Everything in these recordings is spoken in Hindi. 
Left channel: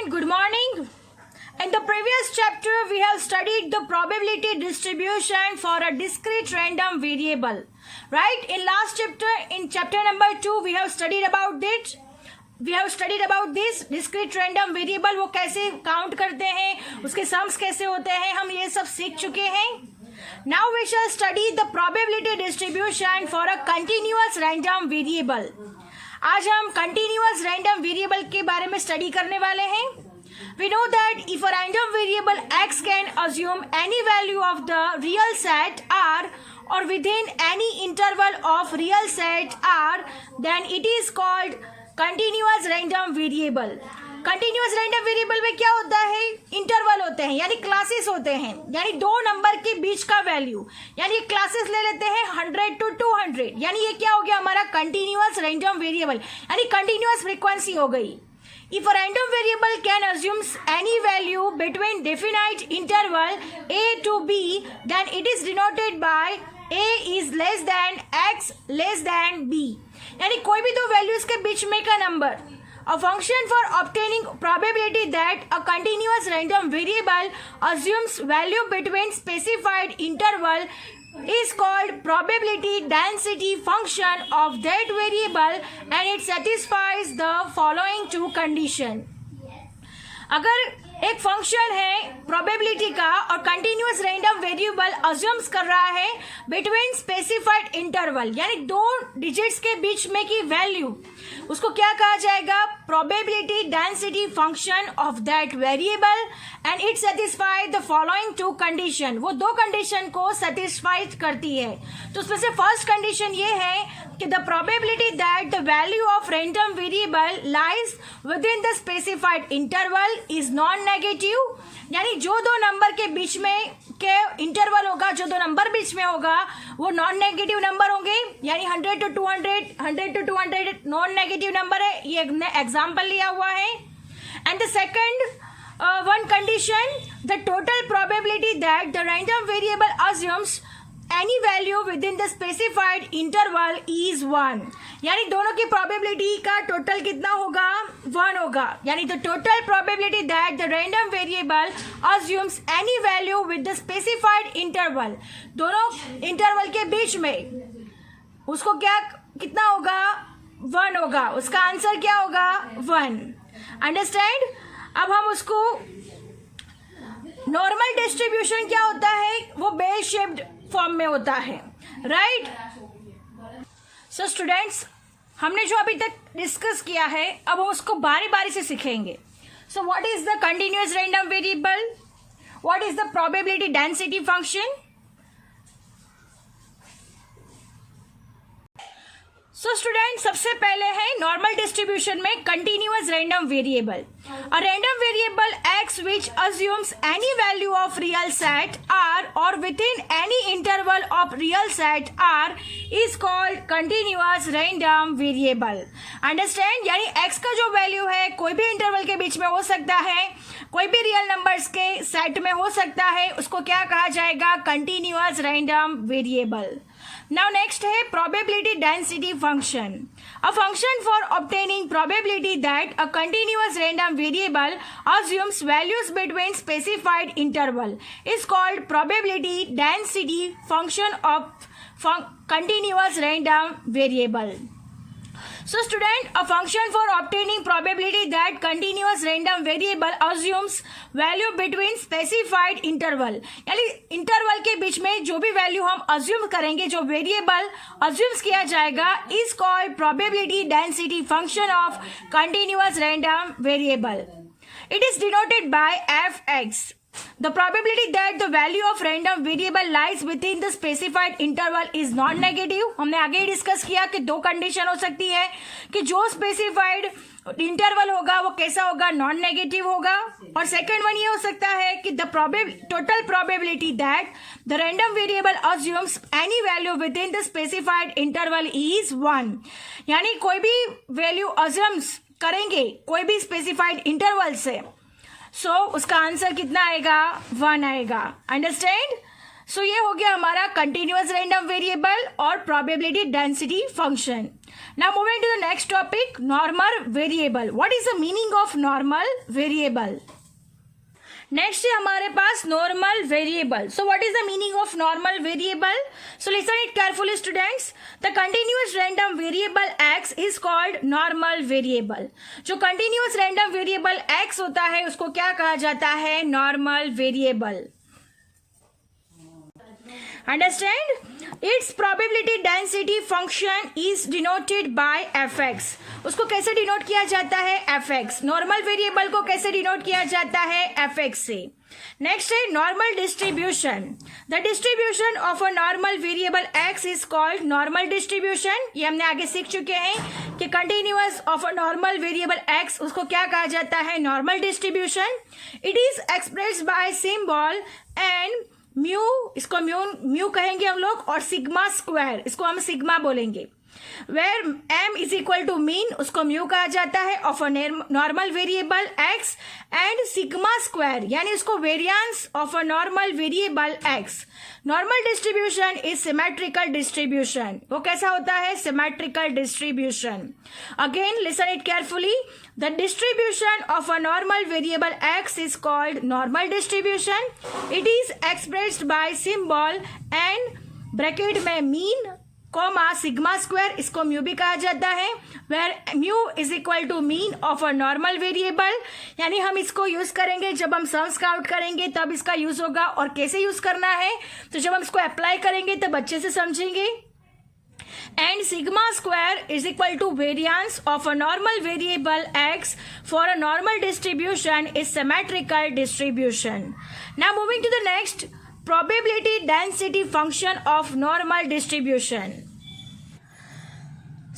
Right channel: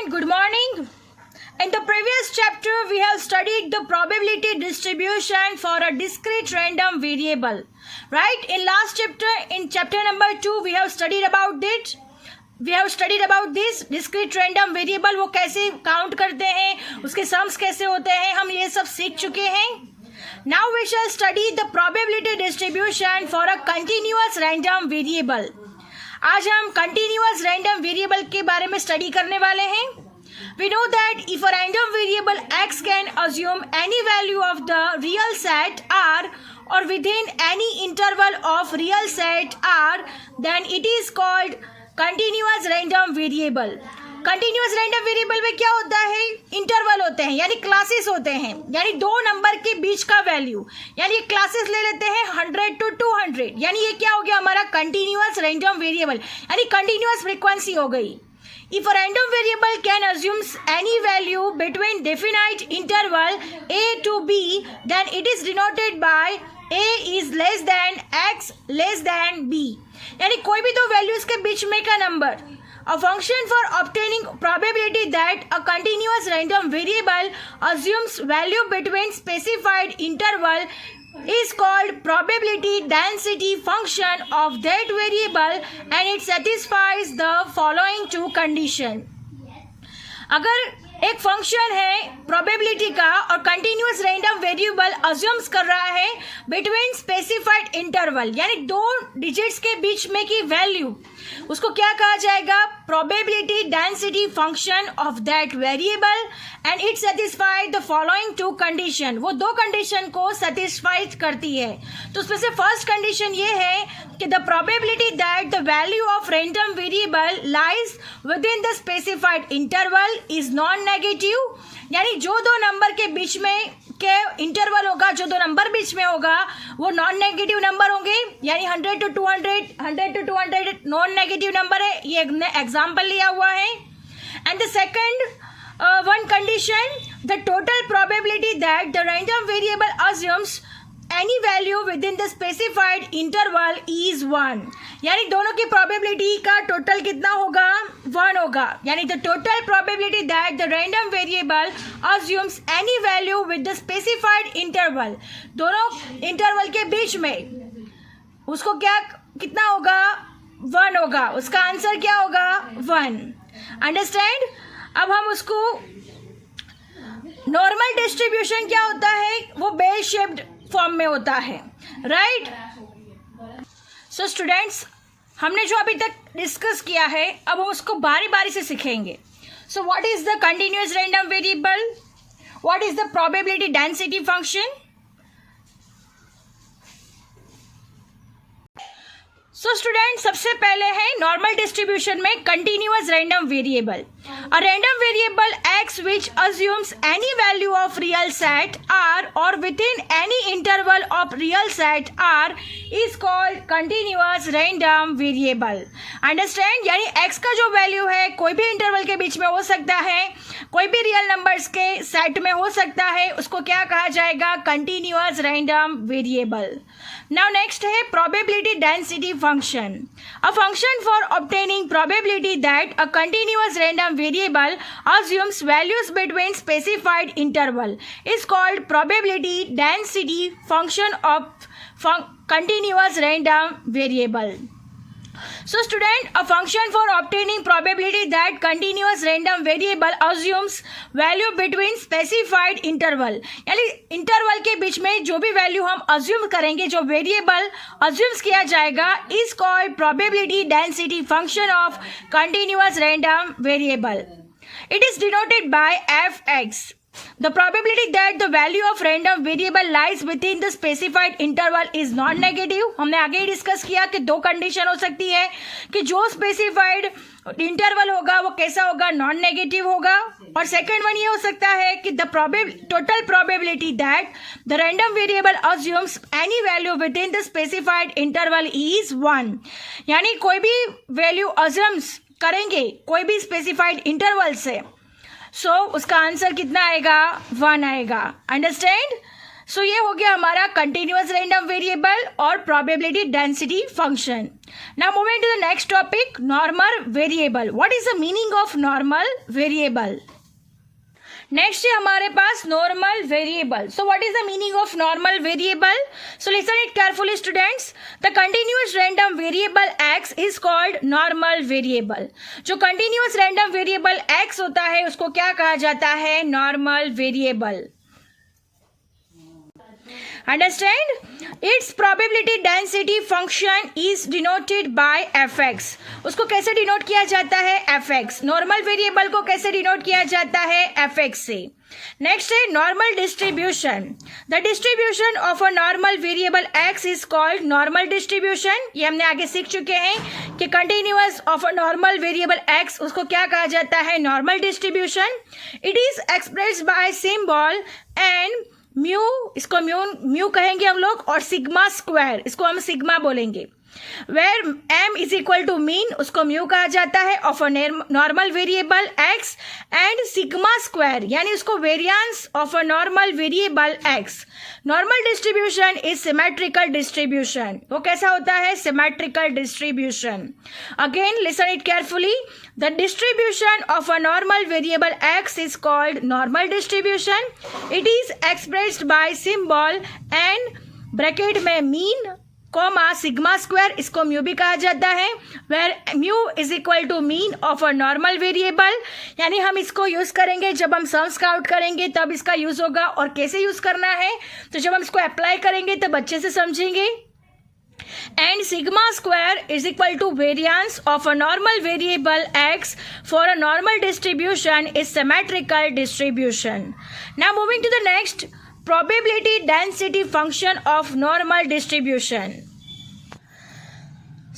student, good morning. In the previous chapter, we have studied the probability distribution for a discrete random variable. Right? In last chapter, in chapter number 2, we have studied about it. We have studied about this discrete random variable. वो कैसे count करते हैं, उसके sums कैसे होते हैं, हम ये सब सीख चुके हैं. Now we shall study the probability distribution for a continuous random variable. आज हम continuous random variable के बारे में study करने वाले हैं. We know that if a random variable x can assume any value of the real set R or within any interval of real set R, then it is called continuous random variable. Continuous random variable में क्या होता है, इंटरवल होते हैं यानी क्लासेस होते हैं, यानी दो नंबर के बीच का वैल्यू, यानी क्लासेस ले लेते हैं 100 to 200, यानी ये क्या हो गया हमारा कंटिन्यूअस रैंडम वेरिएबल, यानी कंटिन्यूअस फ्रीक्वेंसी हो गई. If a random variable can assume any value between definite interval a to b, then it is denoted by a is less than x less than b. यानी कोई भी दो वैल्यूज के बीच में का number. A function for obtaining probability that a continuous random variable assumes value between specified interval is called probability density function of that variable and it satisfies the following two condition. अगर एक फंक्शन है प्रोबेबिलिटी का और कंटिन्यूअस रैंडम वेरिएबल अज्यूम्स कर रहा है बिटवीन स्पेसिफाइड इंटरवल, यानी दो डिजिट्स के बीच में की वैल्यू, उसको क्या कहा जाएगा, probability density function of that variable and it satisfy the following two condition. वो दो कंडीशन को सेटिस्फाई करती है. तो उसमें से फर्स्ट कंडीशन ये है कि the probability that the value of random variable lies with in the specified interval is non negative, यानी जो दो नंबर के बीच में के इंटरवल होगा, जो दो नंबर बीच में होगा वो नॉन नेगेटिव नंबर होंगे, यानी 100 to 200 नॉन नेगेटिव नंबर है. ये एग्जाम्पल लिया हुआ है. And the second one condition, the total probability that the random variable assumes any value within the specified interval is 1, यानी दोनों की probability का total कितना होगा, 1 होगा. यानी the total probability that the random variable assumes any value with the specified interval, दोनों interval के बीच में उसको क्या कितना होगा, 1 होगा. उसका आंसर क्या होगा, 1. अंडरस्टैंड. अब हम उसको नॉर्मल डिस्ट्रीब्यूशन क्या होता है, वो बेल शेप्ड फॉर्म में होता है. राइट. सो स्टूडेंट्स, हमने जो अभी तक डिस्कस किया है अब हम उसको बारी बारी से सीखेंगे. So what is the continuous random variable, what is the probability density function. So student, सबसे पहले है नॉर्मल डिस्ट्रीब्यूशन में continuous random variable. A random variable x which assumes any value of real set R और within any interval of real set R is called continuous random variable. Understand. यानी एक्स का जो वैल्यू है कोई भी इंटरवल के बीच में हो सकता है, कोई भी रियल नंबर्स के सेट में हो सकता है, उसको क्या कहा जाएगा, continuous random variable. Now next है probability density function. A function for obtaining probability that a continuous random variable assumes values between specified interval is called probability density function of continuous random variable. So student, a function for obtaining probability that continuous random variable assumes value between specified interval, यानी इंटरवल के बीच में जो भी वैल्यू हम अज्यूम करेंगे, जो वेरिएबल अज्यूम्स किया जाएगा, is called probability density function of continuous random variable. It is denoted by fx. The probability that the value of random variable lies within the specified interval is non-negative. हमने आगे ही डिस्कस किया कि दो कंडीशन हो सकती है कि जो स्पेसिफाइड इंटरवल होगा वो कैसा होगा, नॉन नेगेटिव होगा. और सेकंड वन ये हो सकता है कि the total probability that the random variable assumes any value with in the specified interval is 1, यानी कोई भी वैल्यू अज्यूम्स करेंगे कोई भी स्पेसिफाइड इंटरवल से, सो उसका आंसर कितना आएगा, 1 आएगा. अंडरस्टैंड. सो ये हो गया हमारा कंटिन्यूअस रैंडम वेरिएबल और probability density function. Now moving to the next topic, normal variable. What is the meaning of normal variable? Next है हमारे पास normal variable. So what is the meaning of normal variable? So listen it carefully students. The continuous random variable x is called normal variable. जो कंटिन्यूअस रैंडम वेरिएबल एक्स होता है उसको क्या कहा जाता है? Normal variable. Understand? Its probability density function is denoted by fx. उसको कैसे डिनोट किया जाता है? fx. नॉर्मल वेरिएबल को कैसे डिनोट किया जाता है? fx से. नेक्स्ट है normal distribution. The distribution of a normal variable x is called normal distribution. ये हमने आगे सीख चुके हैं कि continuous of a normal variable x उसको क्या कहा जाता है? Normal distribution. It is expressed by symbol and mu, इसको म्यू कहेंगे हम लोग, और सिग्मा स्क्वायर, इसको हम सिग्मा बोलेंगे. Where m is equal to mean, उसको म्यू कहा जाता है of a normal variable x, and sigma square यानी उसको variance of a normal variable x. Normal distribution is symmetrical distribution. वो कैसा होता है? Symmetrical distribution. Again listen it carefully. The distribution of a normal variable x is called normal distribution. It is expressed by symbol and bracket में mean, कॉमा सिग्मा स्क्वायर, इसको म्यू भी कहा जाता है. where mu is equal to mean of a normal variable. यानी हम इसको यूज करेंगे जब हम सम्स काउंट करेंगे तब इसका यूज होगा. और कैसे यूज करना है? तो जब हम इसको अप्लाई करेंगे तब अच्छे से समझेंगे. And sigma square is equal to variance of a normal variable x for a normal distribution is symmetrical distribution. Now moving to the next, probability density function of normal distribution.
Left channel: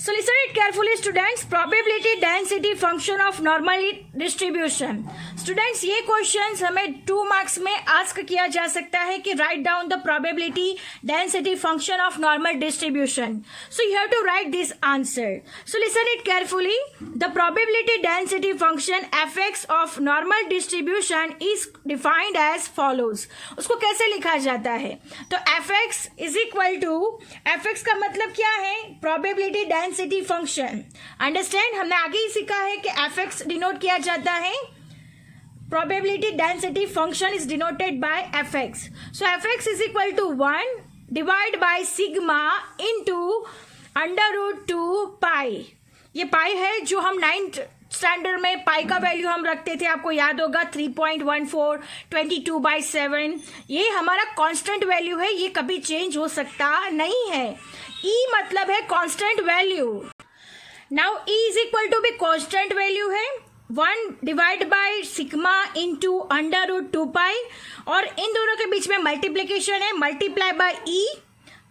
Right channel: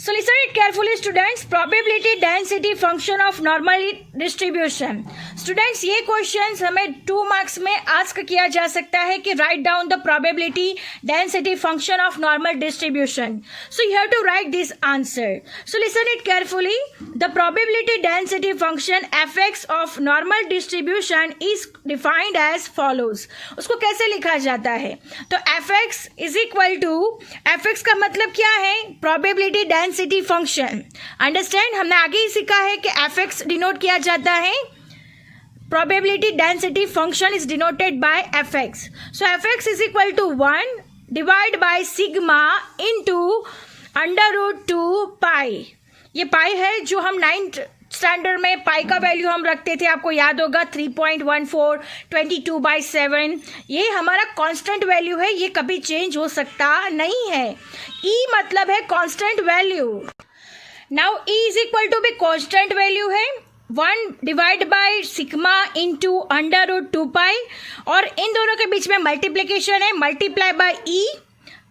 So listen it carefully students. Probability density function of normal distribution. Students ये क्वेश्चंस हमें 2 मार्क्स में आस्क किया जा सकता है कि write down the probability density function of normal distribution. So you have to write this answer. So listen it carefully. The probability density function fx of normal distribution is defined as follows. उसको कैसे लिखा जाता है? तो fx is equal to, fx का मतलब क्या है? Probability density function. अंडरस्टैंड? हमने आगे ही सीखा है कि fx डिनोट किया जाता है, probability density function is denoted by fx. So fx is equal to 1 divided by sigma into under root 2 pi. ये पाई है जो हम 9th स्टैंडर्ड में पाई का वैल्यू हम रखते थे, आपको याद होगा 3.14 22/7. ये हमारा कांस्टेंट वैल्यू है, ये कभी चेंज हो सकता नहीं है. e मतलब है constant value. Now e is equal to भी कांस्टेंट वैल्यू है 1 divide by sigma into under root 2 pi, और इन दोनों के बीच में मल्टीप्लीकेशन है, multiply by e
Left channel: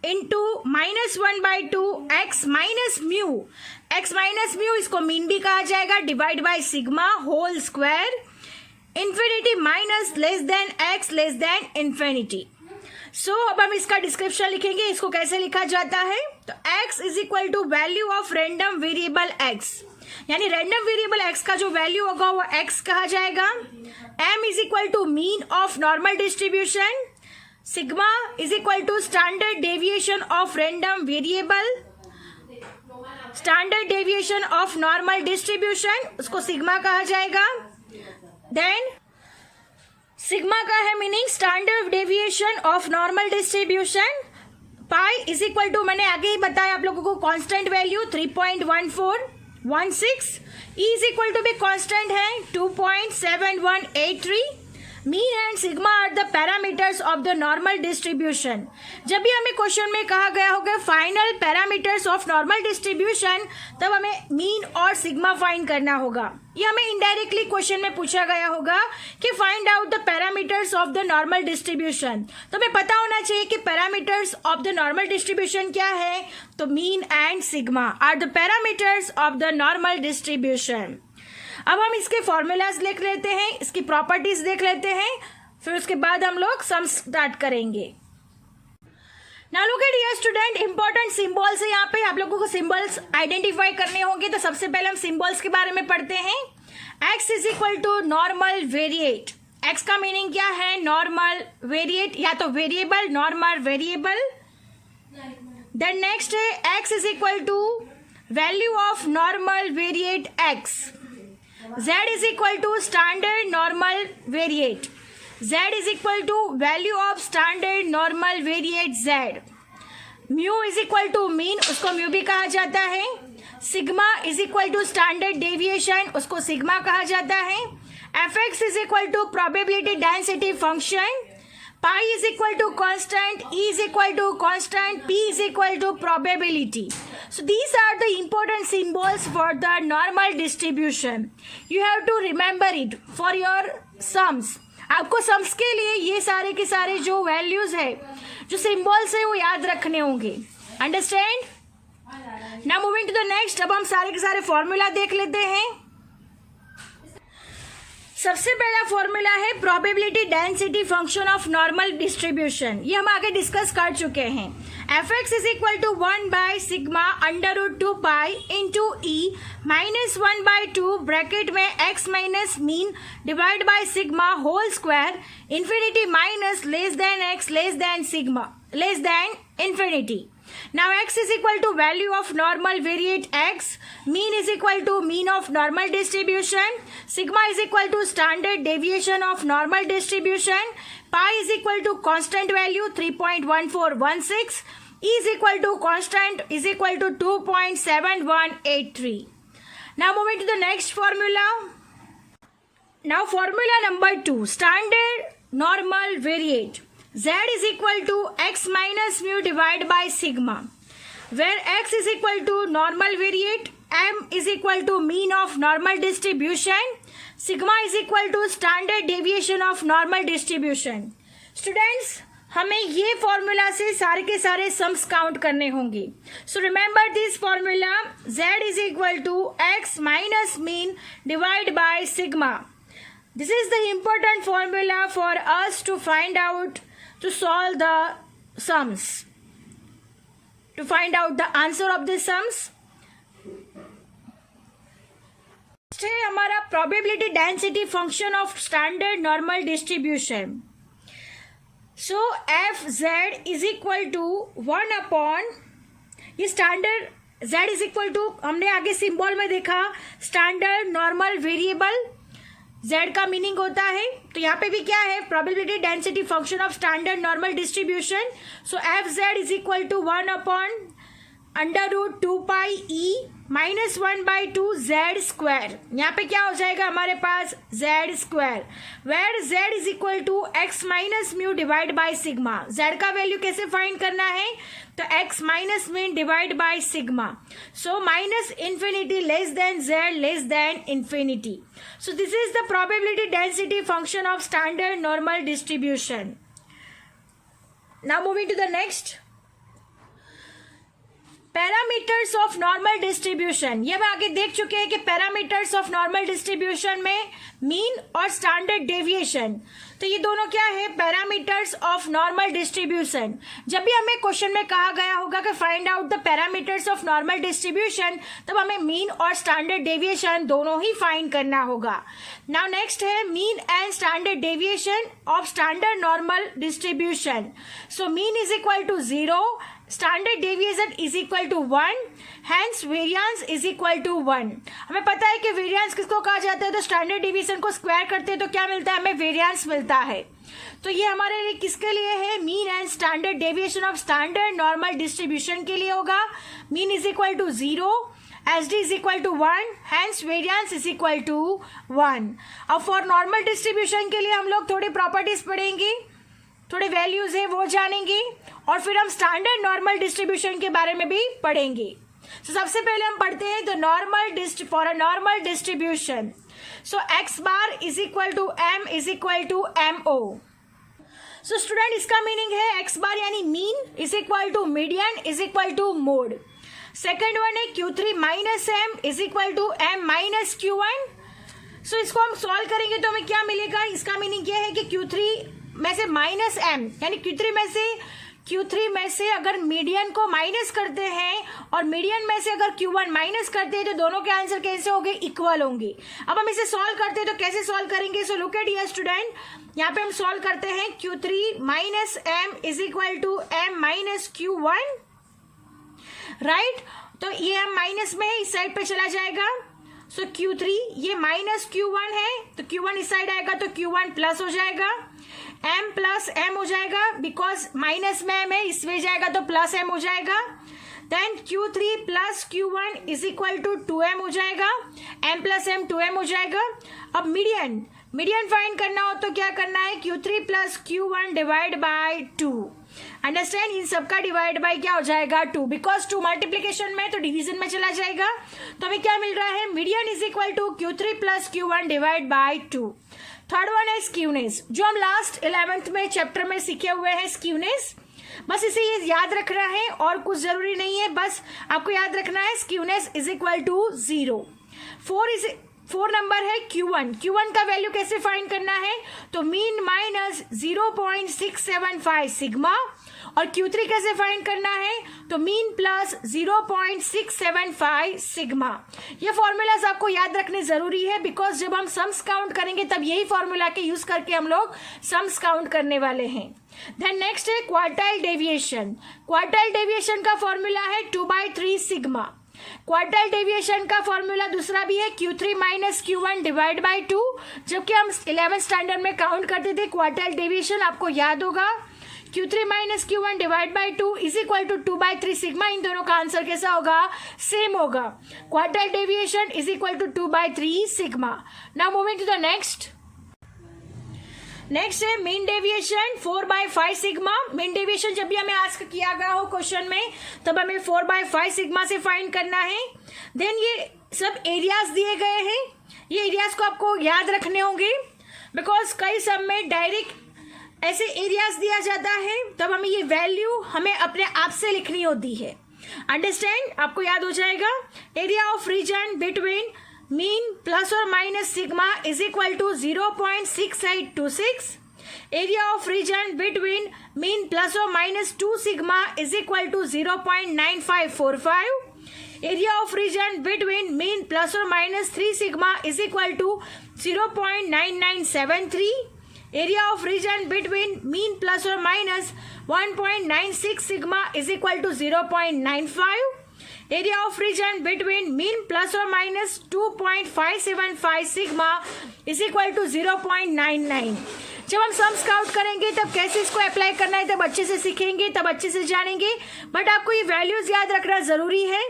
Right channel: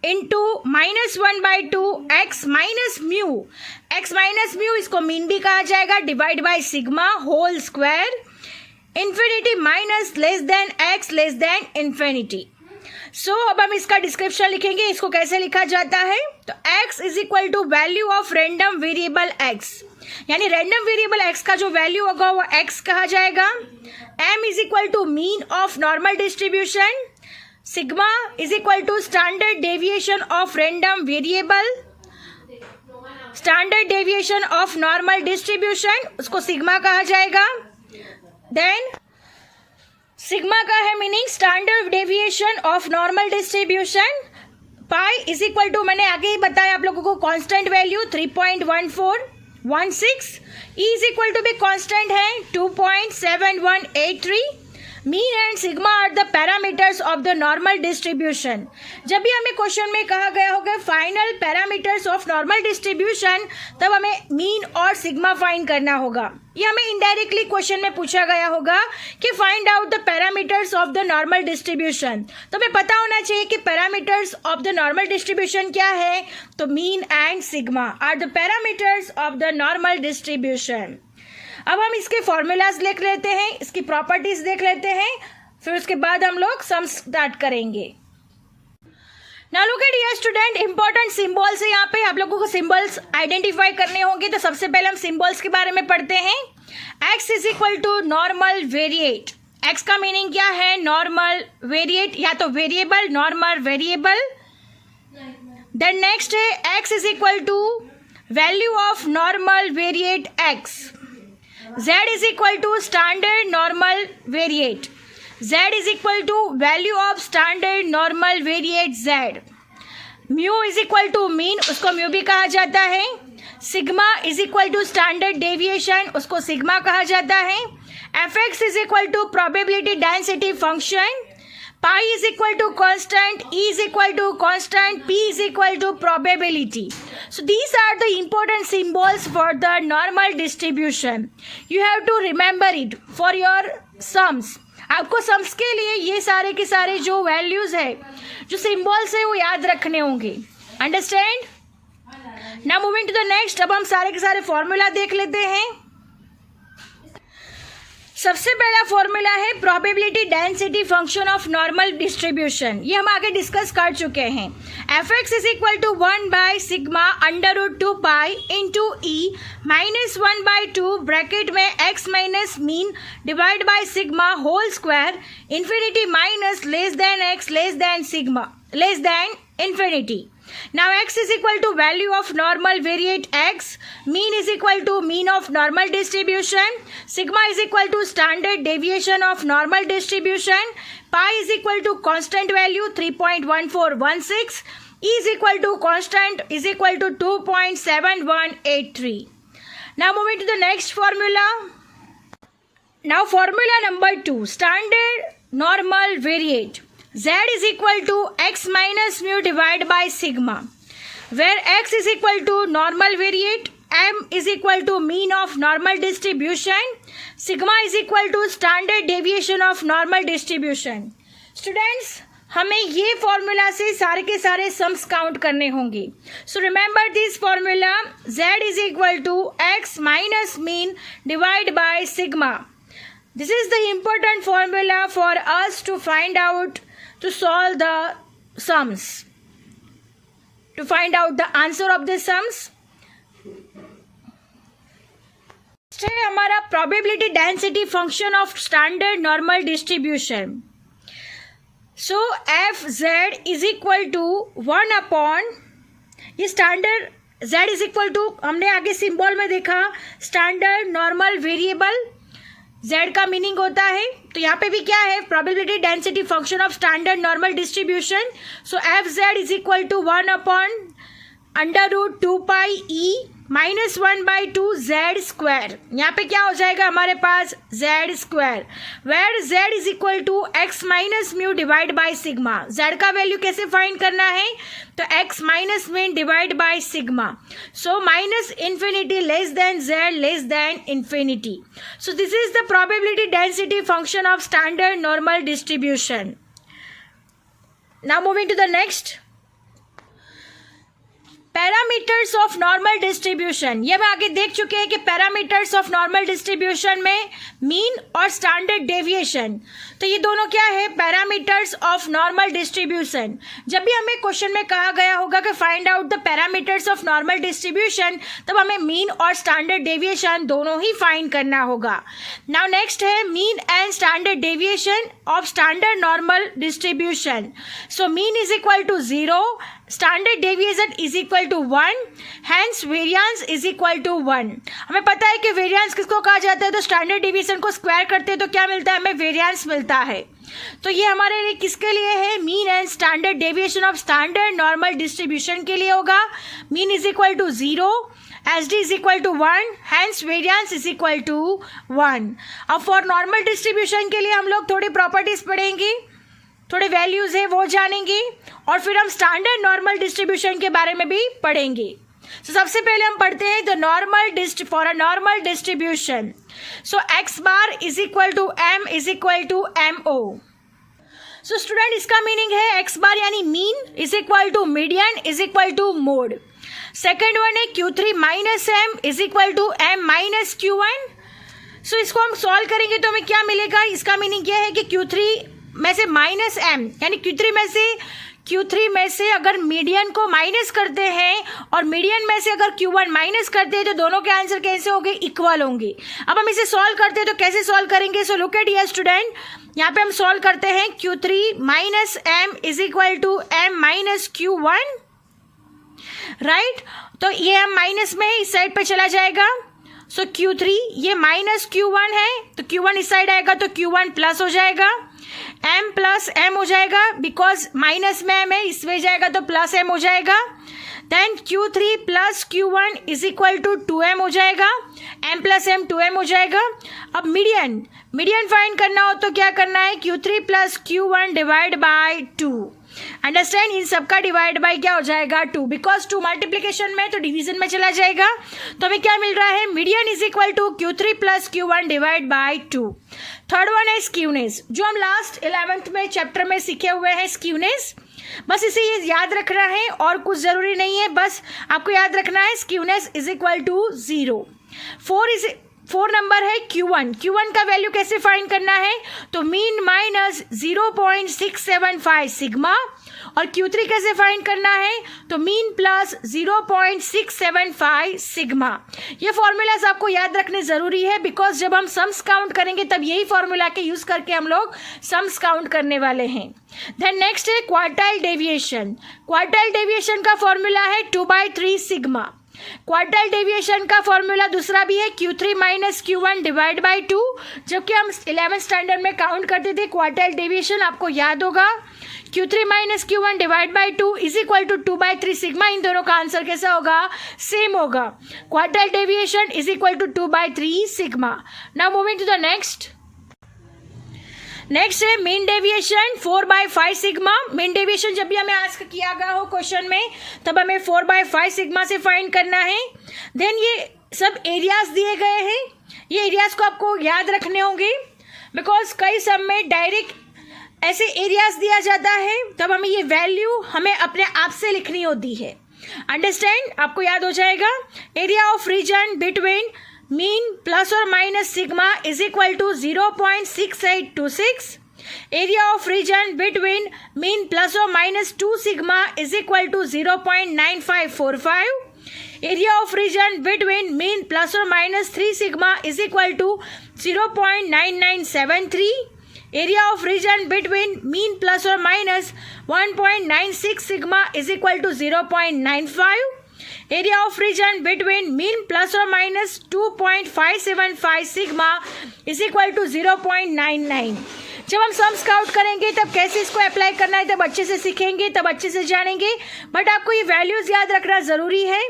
into -1/2 x minus mu. X minus mu इसको मीन भी कहा जाएगा, divide by sigma whole square. Infinity minus less than x less than infinity. So अब हम इसका डिस्क्रिप्शन लिखेंगे. इसको कैसे लिखा जाता है? तो x is equal to value of random variable x, यानी रैंडम वेरिएबल x का जो वैल्यू होगा वो x कहा जाएगा. m is equal to mean of normal distribution. Sigma is equal to standard deviation of random variable. Standard deviation of normal distribution उसको सिग्मा कहा जाएगा. देन सिग्मा का है meaning standard deviation of normal distribution. Pi is equal to, मैंने आगे ही बताया आप लोगों को, constant value 3.1416. E is equal to भी कांस्टेंट है 2.7183. Mean and sigma are the parameters of the normal distribution. जब भी हमें क्वेश्चन में कहा गया होगा final parameters of normal distribution, तब हमें मीन और सिग्मा फाइंड करना होगा. ये हमें इनडायरेक्टली क्वेश्चन में पूछा गया होगा कि find out the parameters of the normal distribution. तो हमें पता होना चाहिए कि parameters of the normal distribution क्या है. तो mean and sigma are the parameters of the normal distribution. अब हम इसके फॉर्मूलाज लिख लेते हैं, इसकी प्रॉपर्टीज देख लेते हैं, फिर उसके बाद हम लोग सम स्टार्ट करेंगे. Now look at here student, important symbols है. यहाँ पे आप लोगों को सिंबल्स आइडेंटिफाई करने होंगे. तो सबसे पहले हम सिंबल्स के बारे में पढ़ते हैं. x is equal to normal variate. x का मीनिंग क्या है? नॉर्मल वेरिएट, या तो variable, normal variable. Then next है x is equal to value of normal variate x, z is equal to standard normal variate, z is equal to value of standard normal variate z, mu is equal to mean, उसको म्यू भी कहा जाता है, sigma is equal to standard deviation, उसको सिग्मा कहा जाता है, F x is equal to probability density function, pi is equal to constant, e is equal to constant, P is equal to probability. So these are the important symbols for the normal distribution. You have to remember it for your sums. आपको सम्स के लिए ये सारे के सारे जो वैल्यूज है, जो सिंबल्स है, वो याद रखने होंगे. Understand? Now moving to the next. अब हम सारे के सारे फॉर्मूला देख लेते हैं. सबसे पहला फॉर्मूला है probability density function of normal distribution. ये हम आगे डिस्कस कर चुके हैं. F x is equal to 1 by sigma under root 2 pi into e minus 1 by 2 bracket में x minus mean divide by sigma whole square infinity minus less than x less than sigma less than infinity. Now x is equal to value of normal variate x, mean is equal to mean of normal distribution, sigma is equal to standard deviation of normal distribution, pi is equal to constant value 3.1416, e is equal to constant is equal to 2.7183. Now moving to the next formula. Now formula number 2, standard normal variate. Z is equal to x minus mu divided by sigma, where x is equal to normal variate, m is equal to mean of normal distribution, sigma is equal to standard deviation of normal distribution. Students, हमें ये फॉर्मूला से सारे के सारे सम्स काउंट करने होंगे. So remember this formula, z is equal to x minus mean divided by sigma. This is the important formula for us to find out, to solve the sums, to find out the answer of the sums. है हमारा probability density function of standard normal distribution. So fz is equal to 1 upon, ये standard z is equal to, हमने आगे सिंबल में देखा standard normal variable, z का मीनिंग होता है. तो यहाँ पे भी क्या है, probability density function of standard normal distribution. So f z is equal to 1 upon under root 2 pi e minus 1 by 2 z square. यहाँ पे क्या हो जाएगा हमारे पास, z square, where z is equal to x minus mu divide by sigma. Z का वैल्यू कैसे फाइंड करना है, तो x minus mean divide by sigma. So minus infinity less than Z less than infinity. So this is the probability density function of standard normal distribution. Now moving to the next. Parameters of normal distribution. ये हम आगे देख चुके हैं कि पैरामीटर्स ऑफ नॉर्मल डिस्ट्रीब्यूशन में मीन और स्टैंडर्ड डेविएशन, तो ये दोनों क्या है, पैरामीटर्स ऑफ नॉर्मल डिस्ट्रीब्यूशन. जब भी हमें क्वेश्चन में कहा गया होगा कि find out the parameters of normal distribution, तब हमें मीन और स्टैंडर्ड डेविएशन दोनों ही फाइंड करना होगा. नाउ नेक्स्ट है mean and standard deviation of standard normal distribution. So mean is equal to 0, standard deviation is equal to 1, hence variance is equal to 1. हमें पता है कि वेरिएंस किसको कहा जाता है, तो स्टैंडर्ड डेविएशन को स्क्वायर करते हैं तो क्या मिलता है, हमें वेरिएंस मिलता है. तो ये हमारे लिए किसके लिए है, mean and standard deviation of standard normal distribution के लिए होगा. Mean is equal to 0, SD is equal to 1, hence variance is equal to 1. अब फॉर नॉर्मल डिस्ट्रीब्यूशन के लिए हम लोग थोड़ी प्रॉपर्टीज पढ़ेंगे, थोड़े वैल्यूज है वो जानेंगे, और फिर हम स्टैंडर्ड नॉर्मल डिस्ट्रीब्यूशन के बारे में भी पढ़ेंगे. तो सबसे पहले हम पढ़ते हैं the normal for a normal distribution. So X bar is equal to M is equal to M O. So student, इसका मीनिंग है एक्स बार यानी mean is equal to median is equal to mode. Second one है Q3 minus M is equal to M minus Q1. सो इसको हम सॉल्व करेंगे तो हमें क्या मिलेगा, इसका मीनिंग क्या है कि Q3 में से माइनस एम यानी Q3 में से अगर मीडियन को माइनस करते हैं और मीडियन में से अगर Q1 माइनस करते हैं तो दोनों के आंसर कैसे होंगे, इक्वल होंगे. अब हम इसे सॉल्व करते हैं तो कैसे सॉल्व करेंगे. So look at here student, यहाँ पे हम सॉल्व करते हैं Q3 minus M is equal to M minus Q1. Right. तो ये हम माइनस में इस साइड पे चला जाएगा, सो Q3 ये माइनस Q1 है, तो Q1 इस साइड आएगा तो Q1 प्लस हो जाएगा, M प्लस M हो जाएगा, बिकॉज माइनस में M है इसमें जाएगा तो प्लस M हो जाएगा। Then Q3 plus Q1 is equal to 2M हो जाएगा, M प्लस M 2M हो जाएगा। अब मीडियन फाइंड करना हो तो क्या करना है, Q3 plus Q1 divide by 2। Understand, इन सबका डिवाइड बाय क्या हो जाएगा 2, बिकॉज 2 मल्टीप्लीकेशन में तो डिवीजन में चला जाएगा। तो हमें क्या मिल रहा है, median is equal to Q3 plus Q1 divide by 2। Third one है स्क्यूनेस, जो हम लास्ट 11th में चैप्टर में सीखे हुए हैं स्क्यूनेस। बस इसे ये याद रखना है और कुछ जरूरी नहीं है, बस आपको याद रखना है skewness is equal to 0। 4 number है Q1 का वैल्यू कैसे फाइंड करना है, तो मीन माइनस 0.675 सिग्मा, और Q3 कैसे फाइंड करना है, तो मीन प्लस 0.675 सिग्मा। ये फॉर्मूलाज आपको याद रखने जरूरी है, बिकॉज जब हम सम्स काउंट करेंगे तब यही फॉर्मूला के यूज करके हम लोग सम्स काउंट करने वाले हैं। देन नेक्स्ट है क्वार्टाइल डेविएशन। क्वार्टाइल डेविएशन का फॉर्मूला है 2/3 सिग्मा। क्वार्टाइल डेविएशन का फॉर्मूला दूसरा भी है Q3 minus Q1 divide by 2। जबकि हम 11th स्टैंडर्ड में काउंट करते थे क्वार्टाइल डेविएशन, आपको याद होगा Q3 minus Q1 divide by 2 is equal to 2/3 sigma. इन दोनों का आंसर कैसा होगा, सेम होगा। Quartile deviation is equal to 2/3 sigma. Now moving to the next है mean deviation 4/5 sigma. Mean deviation जब भी हमें आस्क किया गया हो क्वेश्चन में तब हमें 4/5 सिग्मा से फाइंड करना है। देन ये सब एरियाज दिए गए हैं, ये एरियाज को आपको याद रखने होंगे, बिकॉज कई सब में डायरेक्ट ऐसे एरियाज दिया जाता है तब हमें ये वैल्यू हमें अपने आप से लिखनी होती है। अंडरस्टैंड, आपको याद हो जाएगा। Area of region between mean plus और minus sigma is equal to 0.6826। Area of region between mean plus और minus 2 sigma is equal to 0.9545। Area of region between mean plus और minus 3 sigma is equal to 0.9973। Area of region between mean plus और minus 1.96 sigma is equal to 0.95। Area of region between mean plus और minus 2.575 sigma is equal to 0.99। जब हम सम्स काउंट करेंगे तब कैसे इसको अप्लाई करना है तब अच्छे से सीखेंगे, तब अच्छे से जानेंगे। बट आपको ये वैल्यूज याद रखना जरूरी है,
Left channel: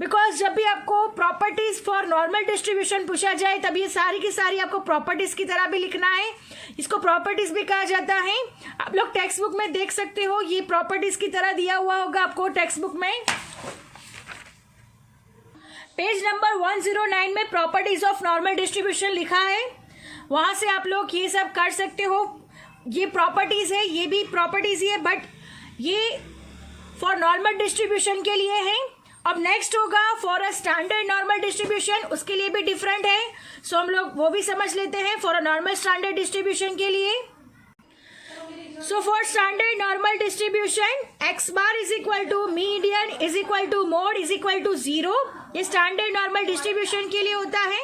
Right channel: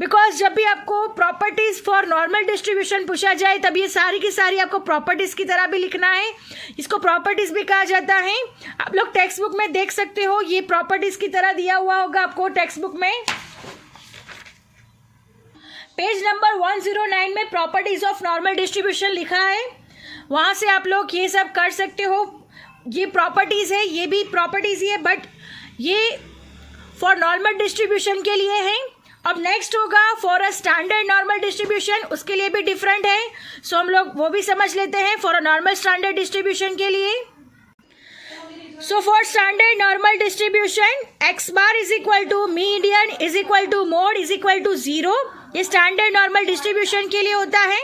बिकॉज जब भी आपको प्रॉपर्टीज फॉर नॉर्मल डिस्ट्रीब्यूशन पूछा जाए तब ये सारी की सारी आपको प्रॉपर्टीज की तरह भी लिखना है। इसको प्रॉपर्टीज भी कहा जाता है। आप लोग टेक्स्ट बुक में देख सकते हो, ये प्रॉपर्टीज की तरह दिया हुआ होगा आपको टेक्स्ट बुक में। पेज नंबर 109 में प्रॉपर्टीज ऑफ नॉर्मल डिस्ट्रीब्यूशन लिखा है, वहां से आप लोग ये सब कर सकते हो। ये प्रॉपर्टीज है, ये भी प्रॉपर्टीज ही है, बट ये फॉर नॉर्मल डिस्ट्रीब्यूशन के लिए है। अब नेक्स्ट होगा for a standard normal distribution, उसके लिए भी डिफरेंट है, सो हम लोग वो भी समझ लेते हैं for a normal standard distribution के लिए। So for standard normal distribution x bar is equal to median is equal to mode is equal to 0। ये स्टैंडर्ड नॉर्मल डिस्ट्रीब्यूशन के लिए होता है।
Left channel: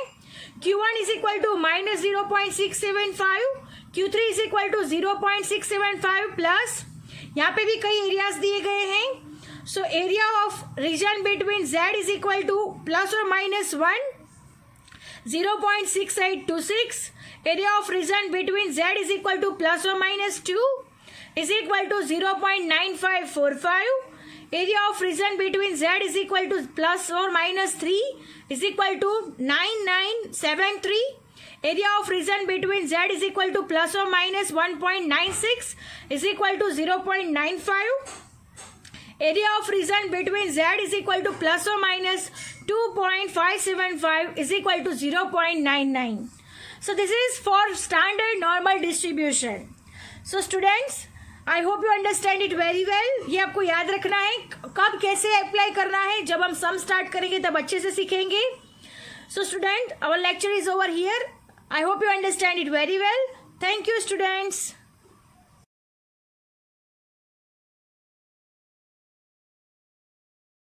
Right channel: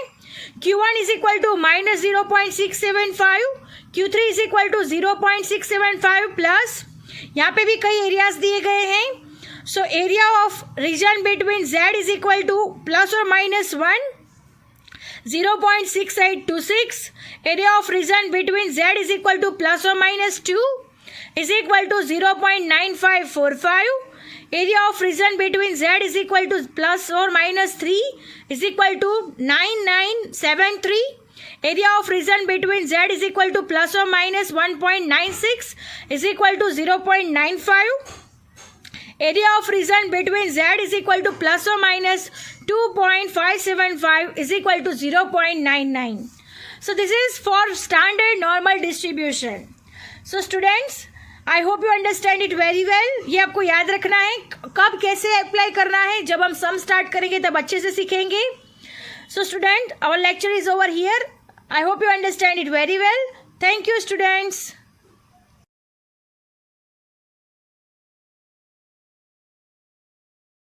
Q1 is equal to minus 0.675, Q3 is equal to 0.675 plus, यहाँ पे भी कई एरियाज दिए गए हैं। So area of region between Z is equal to plus और minus 1, 0.6826। Area of region between Z is equal to plus और minus 2 is equal to 0.9545। Area of region between Z is equal to plus और minus 3 is equal to 9973। Area of region between Z is equal to plus और minus 1.96 is equal to 0.95। Area of region between Z is equal to plus और minus 2.575 is equal to 0.99. So this is for standard normal distribution. So students, I hope you understand it very well. ये आपको याद रखना है, कब कैसे अप्लाई करना है, जब हम सम स्टार्ट करेंगे तब अच्छे से सीखेंगे। So student, our lecture is over here. I hope you understand it very well. Thank you students.